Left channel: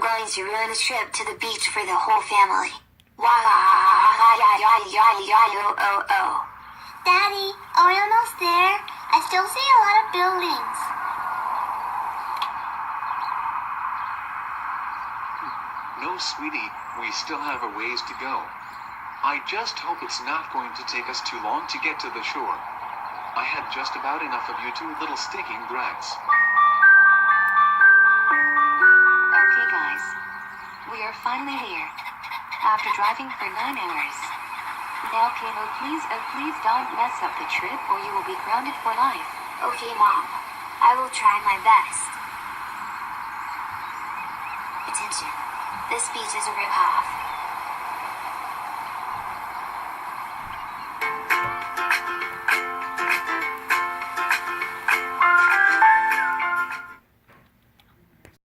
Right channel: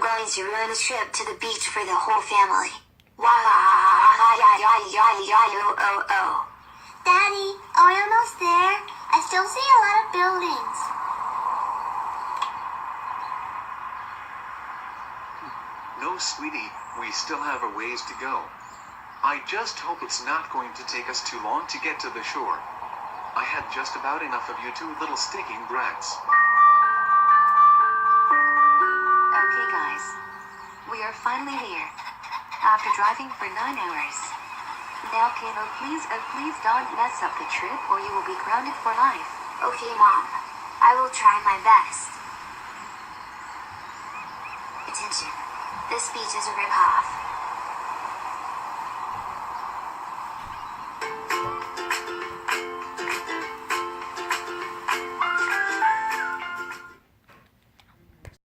I'm going to ruin a trip to the beach for the whole family. Daddy, are we almost there? I still see a lot of buildings. No, sweetie, we still have a ways to go. I just hope it's not going to take us too long to get to the shore. I had just about enough of you two little stinking brats. Okay, guys. We are finally here. After driving for 9 hours. Now, Caillou, please don't mess up the trip or you will be grounded for life. Okay, Mom. I will try my best. Attention. This beach is a rip-off.